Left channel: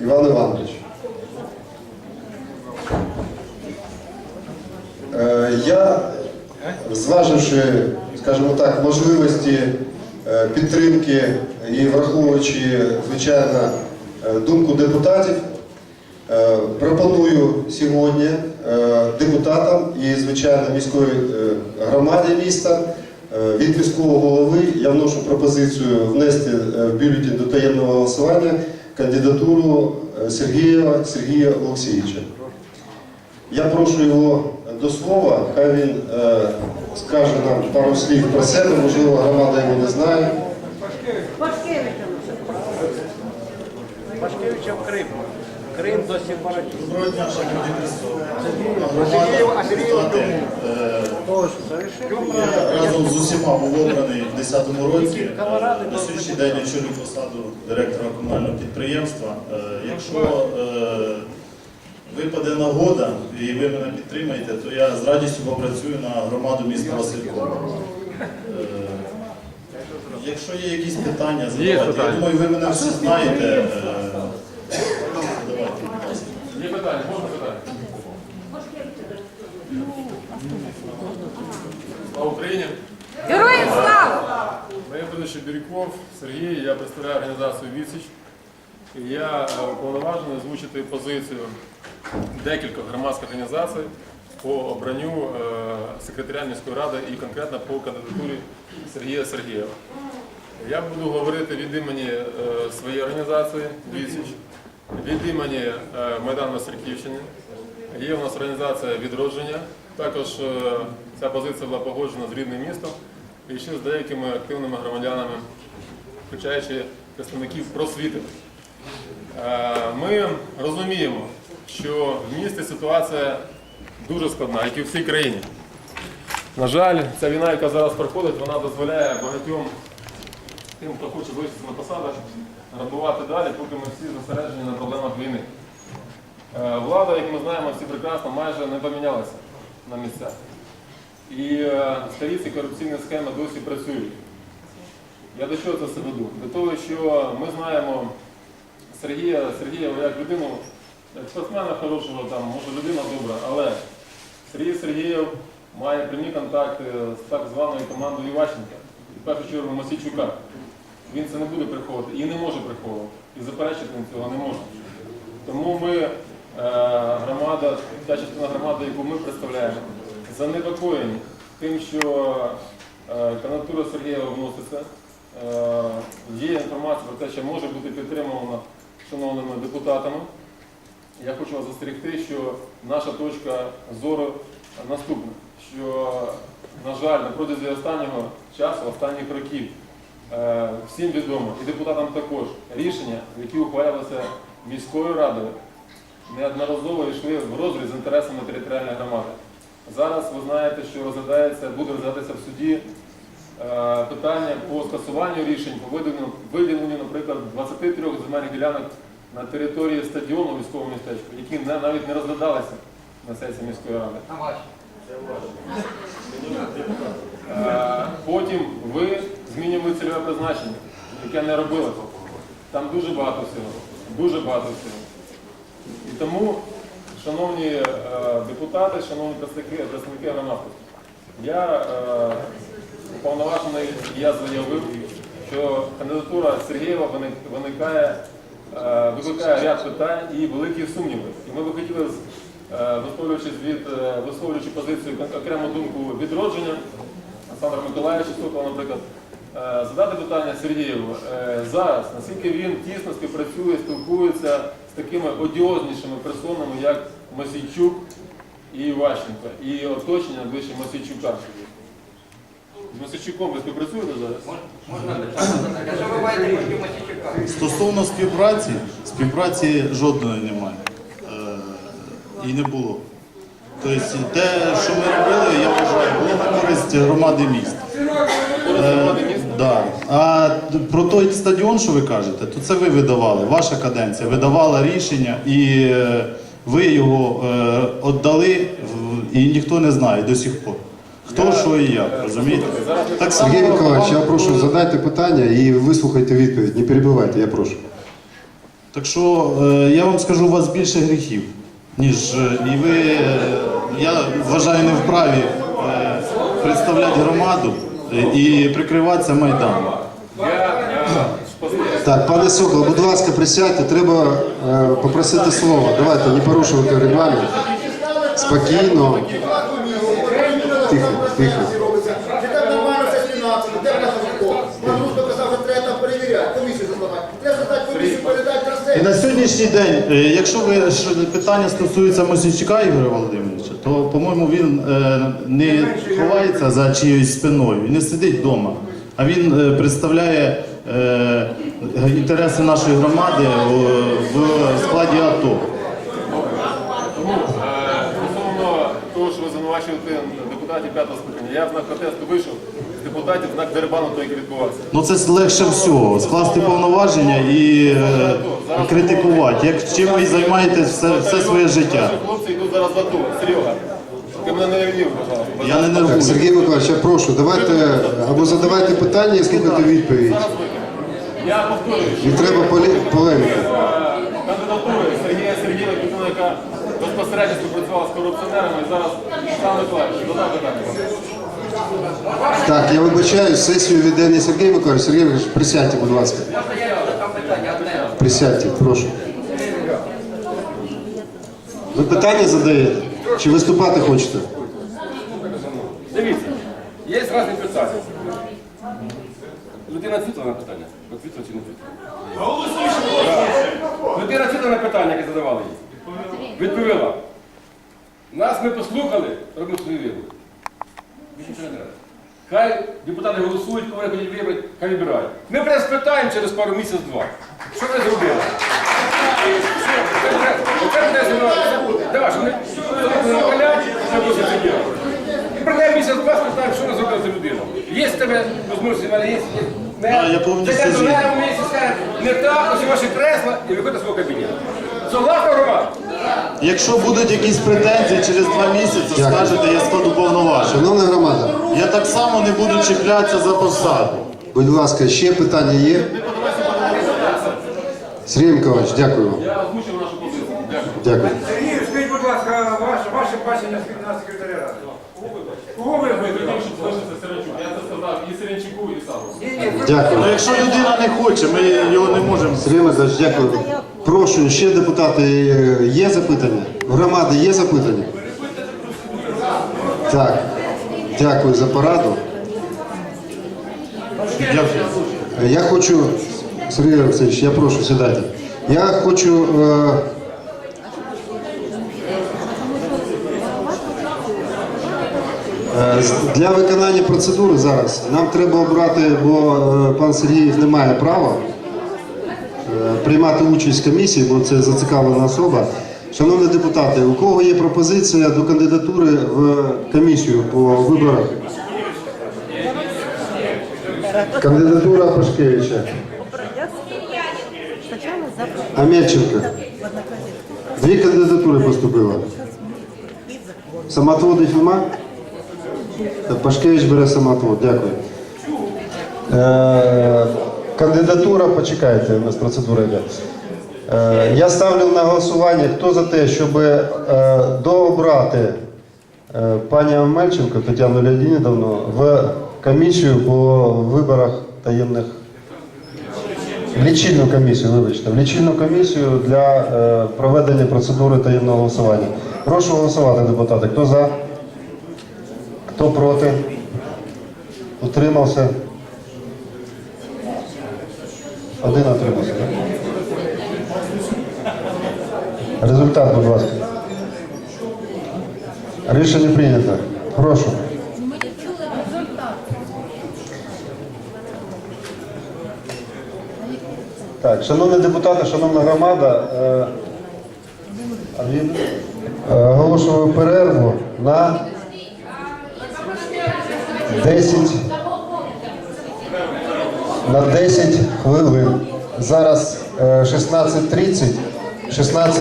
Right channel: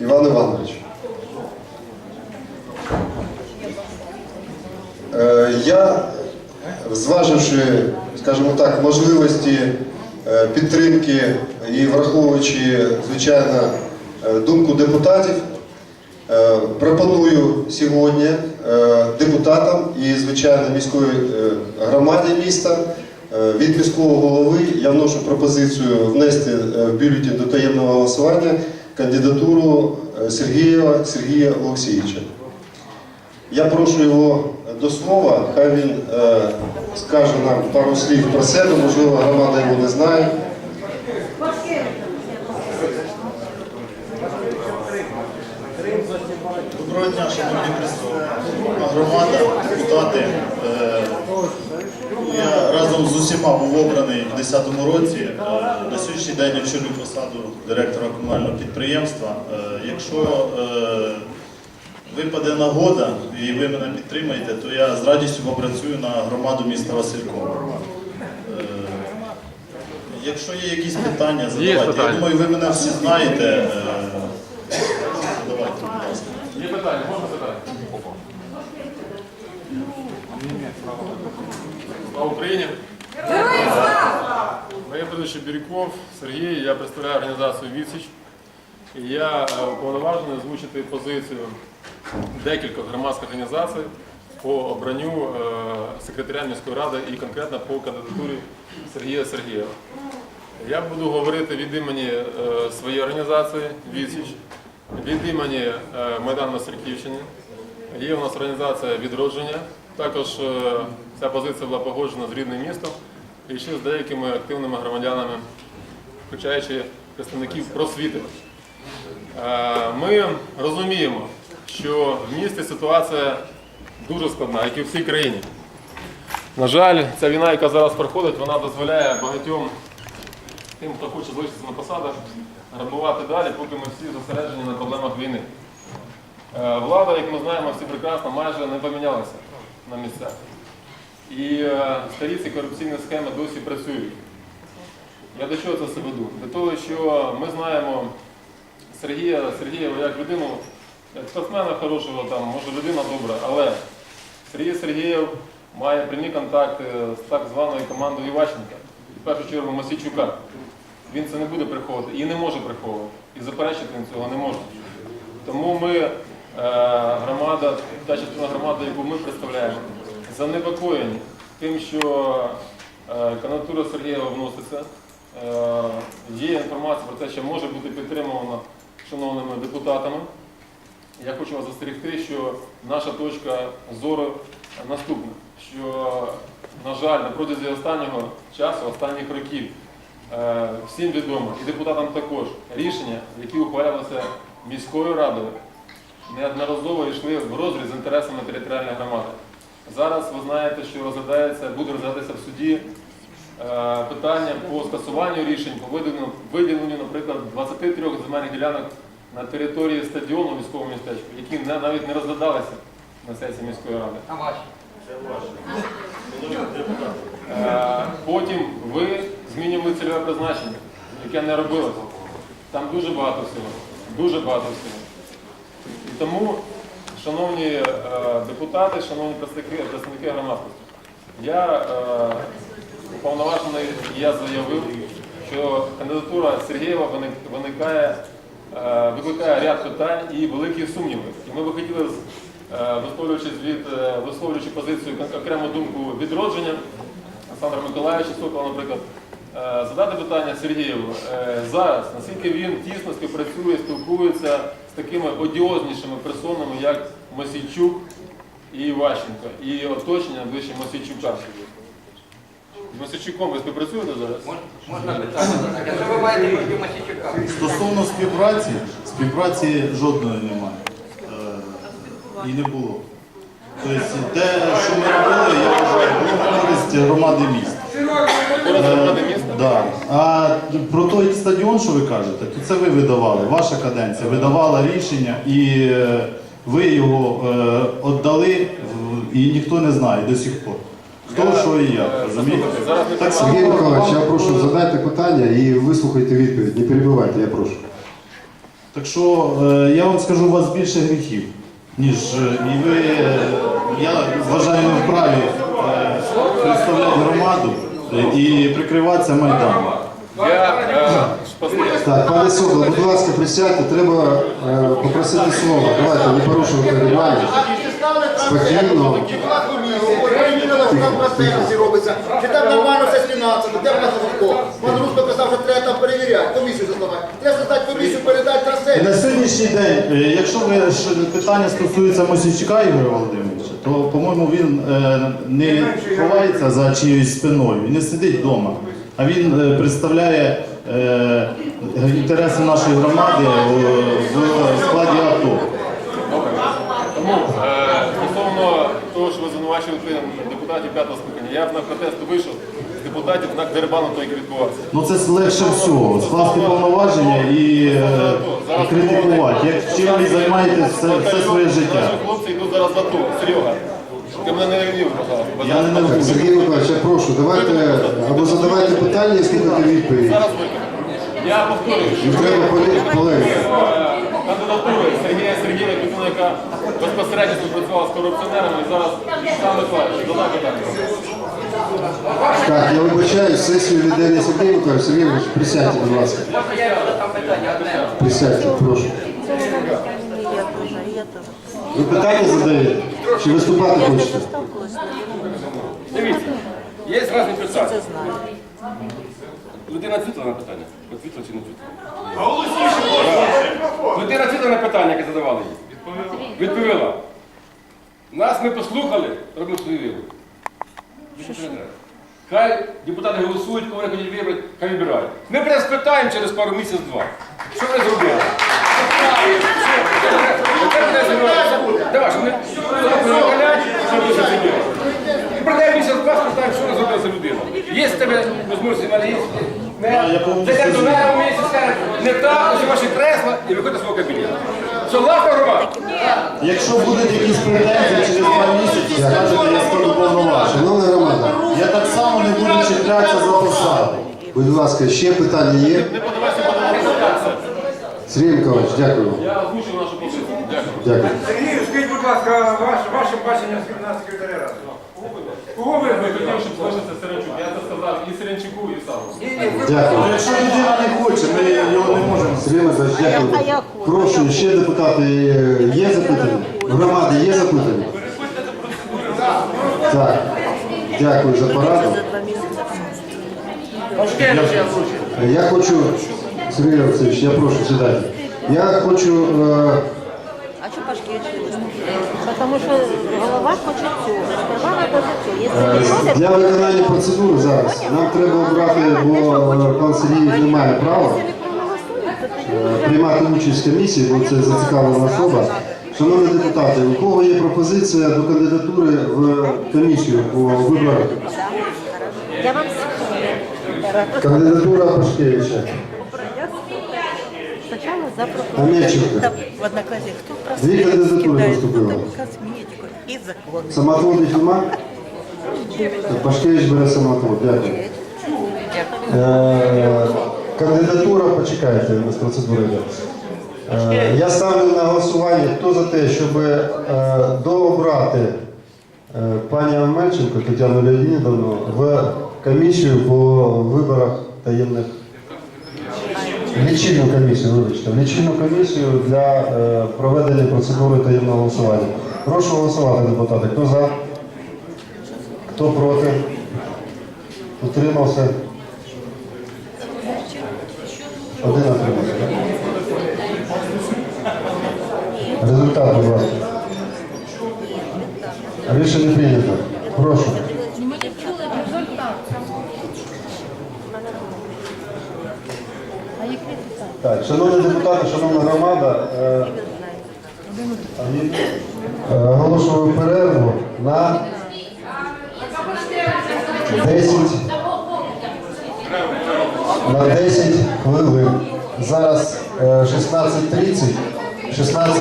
Іван Іванович. Е, Я, зваживши, скажімо так, можливості е, підтримки і враховуючи, звичайно, е, думку депутатів, пропоную сьогодні депутатам і, звичайно, міської громаді міста від міського голови я вношу пропозицію внести е, в бюлетень до таємного голосування кандидатуру Сергія Сергія Олексійовича. Я прошу його до слова, хай він е, скаже нам пару слів про себе, можливо, громада його не знає. Доброго дня, шановні присутні. Е, Я разом з усіма був обраний в 2010 році. Е, На сьогоднішній день очолюю посаду директора комунального підприємства. Е, Якщо випаде нагода і ви мене підтримаєте, то я з радістю попрацюю на громаду міста Василькова. Якщо є якісь питання, задавайте. Я думаю, ви мене всі знаєте. Е, Задавайте, будь ласка. Є питання, можна питання? Слава Україні! Героям слава! Моє прізвище Бірюков Сергій, я представляю організацію Відсіч. І я е, уповноважений озвучити позицію декількох громадських організацій по обранню е, секретаря міської ради і конкретно по кандидатурі Сергія Сергієва. Я буду говорити від імені е, своєї організації Відсіч, від імені Майдану на Сірківщині. Є у нас організація відродження. Також е, ця позиція була погоджена з рідним містом і ще з деякими активними громадянами, включаючи представників просвіти. Е, Ми розуміємо, що в місті ситуація дуже складна, як і в всій країні. На жаль, ця війна, яка зараз проходить, вона дозволяє багатьом тим, хто хоче залишитися на посадах, грабувати далі, поки ми всі зосереджені на проблемах війни. Е, Влада, як ми знаємо, всі прекрасно, майже не помінялася на місцях. І е, старі ці корупційні схеми досі працюють. Я до чого це все веду? До того, що ми знаємо Сергія Сергієва як людину, як спортсмена хорошого, там, може людина добра, але Сергій Сергієв має прямі контакти з так званою командою Іващенка, в першу чергу Масійчука. Він це не буде приховувати і не може приховувати. І заперечити цього не може. Тому ми, громада, та частина громади, яку ми представляємо, занепокоєні тим, що е, кандидатура Сергієва вноситься. Е, Є інформація про те, що може бути підтримана шановними депутатами. Я хочу вас застерегти, що наша точка зору наступна, що, на жаль, на протязі останнього часу, останніх років, е, всім відомо, і депутатам також, рішення, які ухвалювалися міською радою, неодноразово йшли в розріз з інтересами територіальної громади. Зараз ви знаєте, що розглядається, буде розглядатися в суді е, питання по скасуванню рішень по виділенню, виділенню, наприклад, 23 земельних ділянок на території стадіону військового містечку, які не- навіть не розглядалися на сесії міської ради. Е, Потім ви змінювали цільове призначення, яке не робилося. Там дуже багато всього. Дуже багато всього. Тому, шановні е, депутати, шановні представники, представники громадськості, я е, уповноважений, я заявив, що кандидатура Сергієва виникає, е, викликає ряд питань і великі сумніви. І ми би хотіли, висловлюючись від, висловлюючи позицію окрему думку відродження, Олександра Миколаївича Сокола, наприклад, задати питання Сергієву е, зараз, наскільки він тісно співпрацює, спілкується з такими одіознішими персонами, як Мосійчук і Іващенко, і оточення ближче Мосійчука. З Мосійчуком ви співпрацюєте зараз? Можна питання? Якщо ви маєте проти Масічука? Стосовно співпраці, співпраці жодної немає. Е, І не було. Тобто те, що ми робили, я вважаю, було на користь громади міста. Да. А про той стадіон, що ви кажете, то це ви видавали, ваша каденція видавала рішення і е, ви його е, віддали, і ніхто не знає до сих пор. Хто, що і як, розумієте? Так Сергій Миколаївич, я прошу, е, задайте питання і вислухайте відповідь. Не перебивайте, я прошу. Так що е, я вам скажу, у вас більше гріхів, ніж е, і ви, е, я вважаю, не вправі е, представляти громаду е, і прикриватися Майданом. Е. Так, пане Сокол, будь ласка, присядьте, треба е, попросити слово. Давайте не порушувати регламент. Спокійно. Тихо, тихо. Чи там нормально все з фінансами, де в нас Пан Рудко казав, що треба там перевіряти, комісію заставати. Треба здати комісію, передати на І на сьогоднішній день, е, якщо ви що питання стосується Мосійчука Ігоря Володимировича, то, по-моєму, він е, не ховається за чиєюсь спиною і не сидить вдома, а він е, представляє інтереси нашої громади в складі АТО. Тому стосовно того, що ви звинувачуєте депутатів п'ятого скликання, я в знак протесту вийшов депутатів знак дерибану, той, який відбувався. Ну це легше всього скласти повноваження і, е, критикувати. Як чим ви займаєтесь все, все своє життя? Наші хлопці йдуть зараз в АТО. Серега, ти мене не ревнів, пожалуйста. Я не Так, нервую. Сергій Миколаївич, я прошу, давайте або задавайте питання і слухайте відповідь. Зараз викину. Я повторюю, що Не треба полеміки. е, кандидатури Сергія Сергієва, людина, яка безпосередньо співпрацювала з корупціонерами, і зараз сам Миколаївич, задав питання. Так, я вибачаю, сесію веде не Сергій Миколаївич. Сергій Миколаївич, присядьте, будь ласка. Присядьте, прошу. Ви питання задаєте? Чи виступати хочете? Дивіться, є різні питання. Людина відповіла на питання. Відповіла чи не відповіла? Людина відповіла на питання, яке задавали їй. Відповіла. Нас ми послухали, робимо свою вибір. Більше нічого не треба. Хай депутати голосують, кого вони хочуть вибрати, хай вибирають. Ми прямо спитаємо через пару місяців-два. Що ви зробили? Тепер буде зібратися. Давай, що вони зробили що ви сиділи. І прийде місяць два, спитаємо, що вона зробила за людина. Є в тебе можливості, в мене є. Зайдемо до мене в місяць, не так, ось ваші кресла, і виходьте з свого кабінету. Согласна громада? Якщо будуть якісь претензії через два місяці, скажете, я складу повноваження. Шановна громада, Я так само не буду чіплятися за посади. будь ласка, ще питання є? Сергій Миколаївич, дякую вам. Я озвучив нашу позицію. Дякую. Дякую. Сергій, скажіть, будь ласка, ваше, ваше бачення на секретаря ради. Кого ви хотіли, щоб залишився Сиренчук. Я це сказав і Сиренчуку, і ви Дякую. Ну, якщо людина не хоче, ми його не можемо. Сергій Миколаївич, дякую. Прошу, ще депутати, е, є запитання? Громади є запитання? Так, дякую за пораду. Е, Я хочу, Сергій Олексійович, я прошу сідати. Я хочу е, Е, Для виконання процедури зараз нам треба обрати, бо е, пан Сергіїв не має права е, приймати участь в комісії, бо це зацікавлена особа. Шановні депутати, у кого є пропозиція до кандидатури в комісію по виборах? Кандидатура Пашкевича. Амельченко. Дві кандидатури поступило. нема? Так, Пашкевич бере самоотвод. Дякую. Е, кандидатура, почекайте, у нас процедура йде. Е, я ставлю на голосування, хто за те, щоб е, дообрати е, пані Амельченко Тетяну Леонідовну в комісію по виборах таємних. Лічильну комісію, вибачте, лічильну комісію для проведення процедури таємного голосування. Прошу голосувати, депутати. Хто за? Хто проти? Утримався? Один утримався. так? Результат, будь ласка. Рішення прийнято. Прошу. Так, шановні депутати, шановна громада, е, е, оголошую перерву на 10, на 10 хвилин. Зараз е, 16.30, 16